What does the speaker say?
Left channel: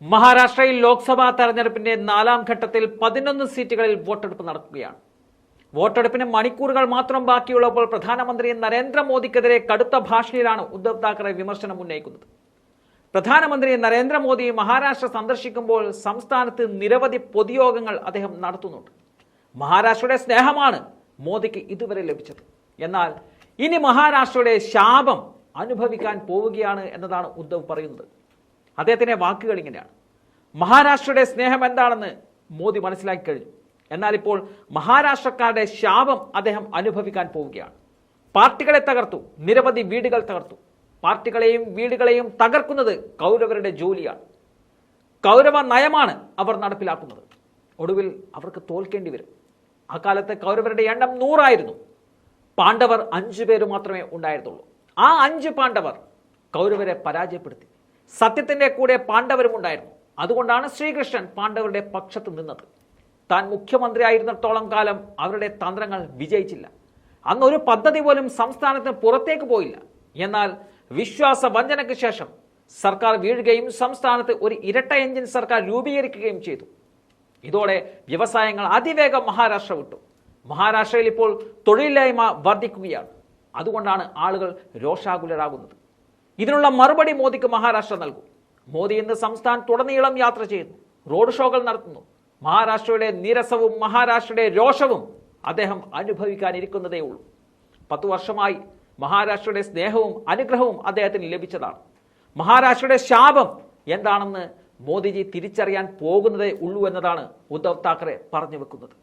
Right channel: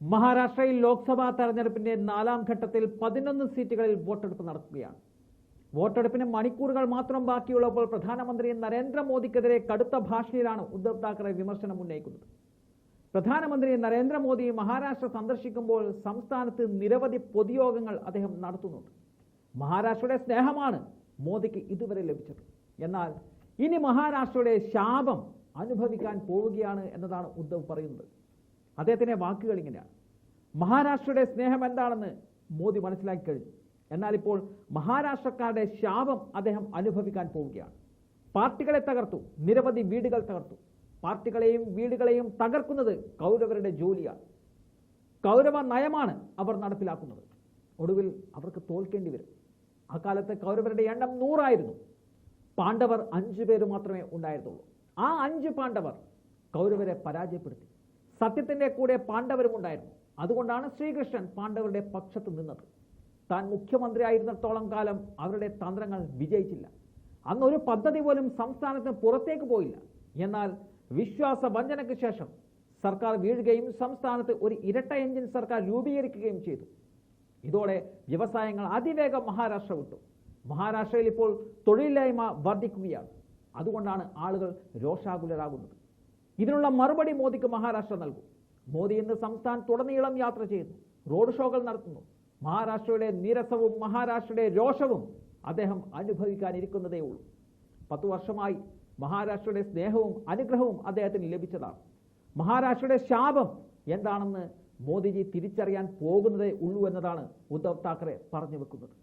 മഹാരാഷ്ട്രയിൽ ലോക്സഭാ തെരഞ്ഞെടുപ്പിന്റെ നാലാം ഘട്ടത്തിൽ പതിനൊന്ന് സീറ്റുകളിൽ വോട്ടെടുപ്പ് നടക്കുകയാണ്. വോട്ടെടുപ്പിന് മണിക്കൂറുകൾ മാത്രം ബാക്കിയുള്ളപ്പോൾ പ്രധാനമന്ത്രി നരേന്ദ്രമോദിക്കെതിരെ കടുത്ത ഭാഷയിലാണ് ഉദ്ധവ് താക്കറെ വിമർശനം ഉന്നയിക്കുന്നത്. പ്രധാനമന്ത്രി നരേന്ദ്രമോദി മഹാരാഷ്ട്ര സന്ദർശിക്കുമ്പോൾ സംസ്ഥാനത്ത് നിരവധി പൊതുയോഗങ്ങൾ അദ്ദേഹം നടത്തുന്നുണ്ട്. മഹാരാഷ്ട്രയുടെ സ്നേഹമാണ് മോദിക്ക് ഇതുവരെ ലഭിച്ചത്. എന്നാൽ ഇനി മഹാരാഷ്ട്രയുടെ ശാപം അനുഭവിക്കാൻ പോവുകയാണ് എന്നതാണ് ഉദ്ധവ് പറയുന്നത്. അദ്ദേഹത്തിന്റെ വാക്കുകൾ ഇങ്ങനെയാണ്. മഹാരാഷ്ട്രയുടെ സ്നേഹം എന്താണെന്ന് മോദി മനസ്സിലാക്കി കഴിഞ്ഞു. എന്നാൽ ഇപ്പോൾ മഹാരാഷ്ട്രക്കാരുടെ ശാപം അദ്ദേഹം അനുഭവിക്കാൻ പോവുകയാണ്. പാർട്ടികളെ തകർത്തു നിരവധി വീടുകൾ തകർത്തു. പാർട്ടികളെയും വീടുകളെയും തകർക്കുന്നത് കൗരവരുടെ ജോലിയാണ്. കൗരവ നയമാണ് അവർ നടപ്പിലാക്കുന്നത്. ഒടുവിൽ അവർക്ക് തോൽക്കേണ്ടി വരും. അക്കാലത്ത് കൗരവരുടെ എണ്ണം നൂറായിരുന്നു. പാണ്ഡവർ അഞ്ചു പേര് മാത്രമേ ഉണ്ടായിരുന്നുള്ളൂ. ആ അഞ്ച് പാണ്ഡവർ കൗരവരെ പരാജയപ്പെടുത്തി. സത്യത്തിന്റെ കൂടെ പാണ്ഡവരും ഉണ്ടായിരുന്നു. അതുകൊണ്ടാണ് ശ്രീകൃഷ്ണൻ പാണ്ഡവരുടെ പക്ഷത്ത് നിന്നത്. താൻ മുഖ്യമന്ത്രി ആയിരുന്നിടത്തോളം കാലം അവരുടെ തന്ത്രങ്ങൾ വിജയിച്ചില്ല. അന്ന് ഒരു പദ്ധതി പോലും സംസ്ഥാനത്തിന് പുറത്തേക്ക് പോയില്ല. എന്നാൽ വിശ്വാസ വഞ്ചനയ്ക്ക് ശേഷം സർക്കാർ വീഴുകയും സംസ്ഥാനത്ത് ഒരു ഇരട്ട എഞ്ചിൻ സർക്കാർ രൂപീകരിക്കുകയും ചെയ്തു. ഇതോടെ വ്യവസായങ്ങൾ അതിവേഗം മഹാരാഷ്ട്ര വിട്ടു. മഹാരാഷ്ട്രയിൽ ഇപ്പോൾ തൊഴിലില്ലായ്മ വർദ്ധിക്കുകയാണ്. അതുകൊണ്ടാണ് ആളുകൾ രോഷാകുലരാകുന്നത്. ഇതിനുള്ള മറുപടി മോദിക്ക് മഹാരാഷ്ട്ര നൽകും. മോദി ഇന്ന് സംസ്ഥാനത്തുടനീളം യാത്ര ചെയ്യുന്നു. റോഡ് ഷോകൾ നടത്തുന്നു. മഹാരാഷ്ട്രയുടെ നീരസവും മഹാരാഷ്ട്രയുടെ രോഷവും അദ്ദേഹം അനുഭവിക്കാനിരിക്കുന്നതേ ഉള്ളൂ. പത്തു വർഷമായി മഹാരാഷ്ട്രയുടെ സ്നേഹവും അനുഗ്രഹവും അദ്ദേഹത്തിന് ലഭിച്ചതാണ്. മഹാരാഷ്ട്രയുടെ ശാപം എന്താണെന്ന് മോദിജി തിരിച്ചറിയാൻ പോകുന്നതേ ഉള്ളൂ എന്നതാണ് ഉദ്ധവ് താക്കറെ പറഞ്ഞു വെക്കുന്നത്.